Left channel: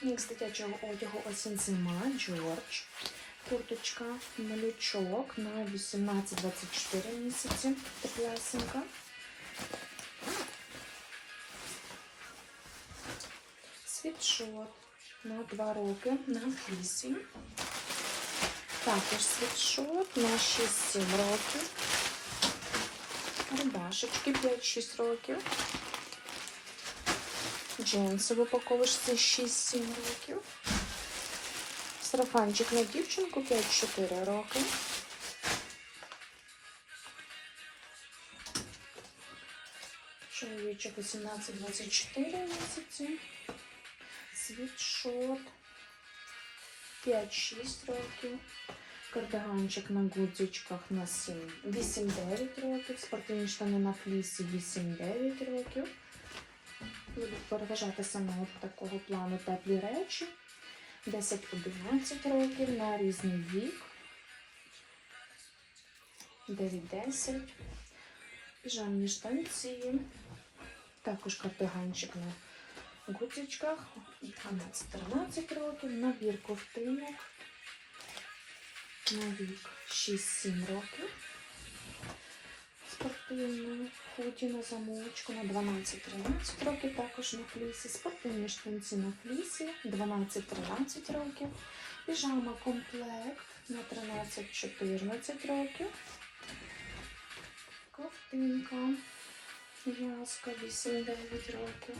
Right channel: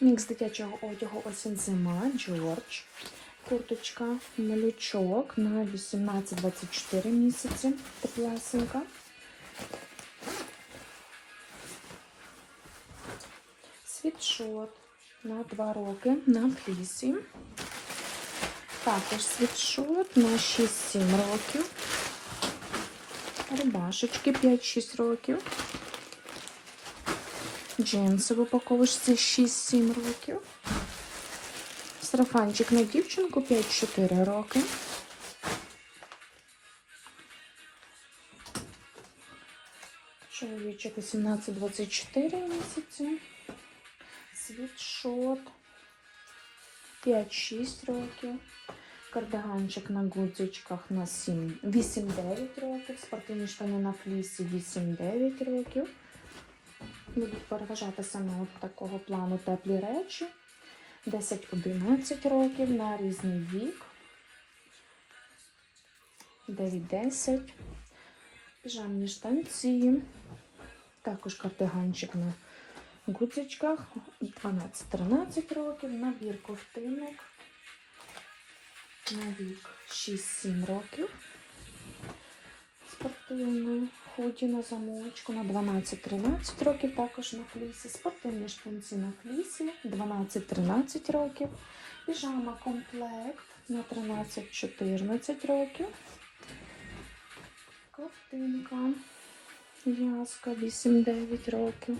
Мікс дитячого одягу осінь зима, Джордж. Курточка, малючок на 18-24 місяці. Теплесенька. Світшот на 2 роки на флісі. Також світшот на 6-7 років. Рубашечки 5-6 років. Джинси в упаковочці 6-7 років. Сарафанчик на дівчинку 5-4 роки. Чоловічок 18-24 місяці. Світшот 5-6 років. Кардиганчик на гудзичках на 7, 8-9 років. Спортивні штани на флісі 8-9 років. Будуть переважати саме такого плану теплі речі. 10-11 років на різний вік. 9-10. Піжамні штанці. Також кардиганчик на гудзичках. 12-13 років. Набір ковтинок. На вік 6-7 років. Спортивний худі на замочку на 12-13 років, також на флісі. Спортивні штанці на флісі 12-13 років. Піжама комплект на 13-14 років. Ковтинка. В'язка 8-9 років.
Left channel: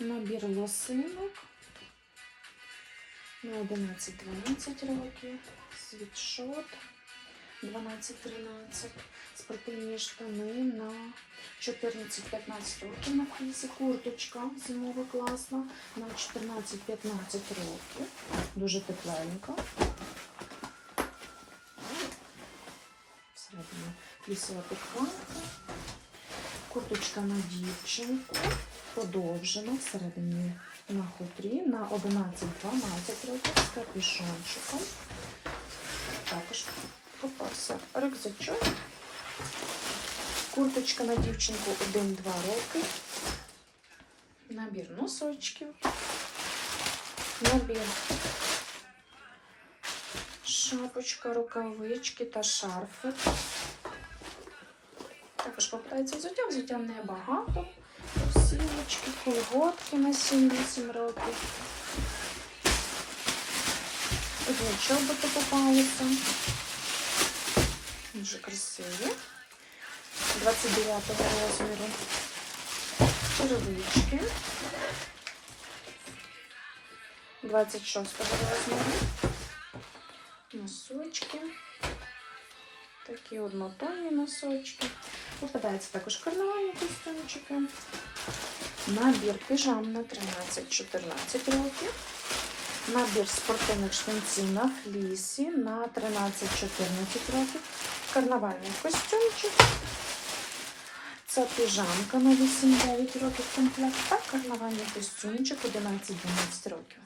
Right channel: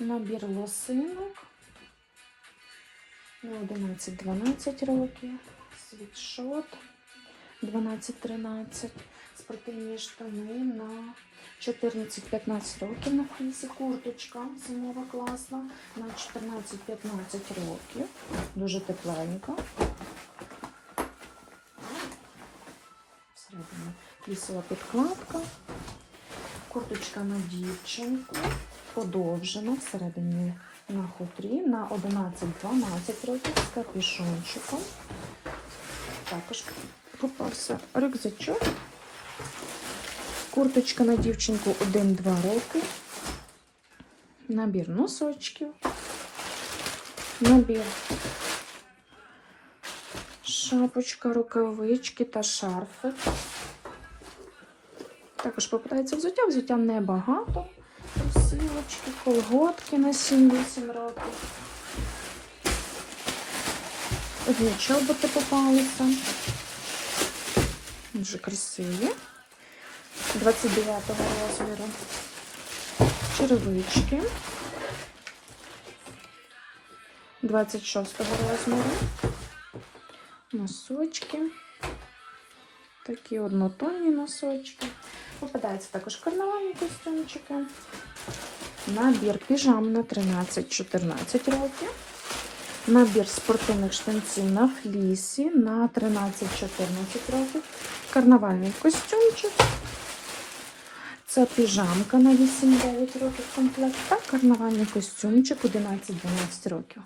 Набір лосинок на 11-12 років. Світшот 12-13 спортивні штани на 14-15 років на флісі, курточка зимова класна на 14-15 років. Дуже тепленька. Всередині флісова підкладка. Курточка на дівчинку. Подовжена всередині на хутрі на 11-12 років з капюшончиком. Також рюкзачок. Курточка на дівчинку 1-2 роки. Набір носочків. Набір шапочка, рукавички та шарфик. Також попадається взуття, взуття небагато. Сілочки, колготки на 7-8 років. Одні чоботи попаються. Дуже красиві. 29 розміру. Черевички. 26 розміру. Носочки. Такі однотонні носочки. Попадаються також карнавальні костюмчики. Набір піжам на 13-14 років. Набір спортивних штанців на флісі на 13-14 років. Карнавальний костюмчик. Це піжамка на 8-9 років комплект та карнавальний костюмчик 11-12 років.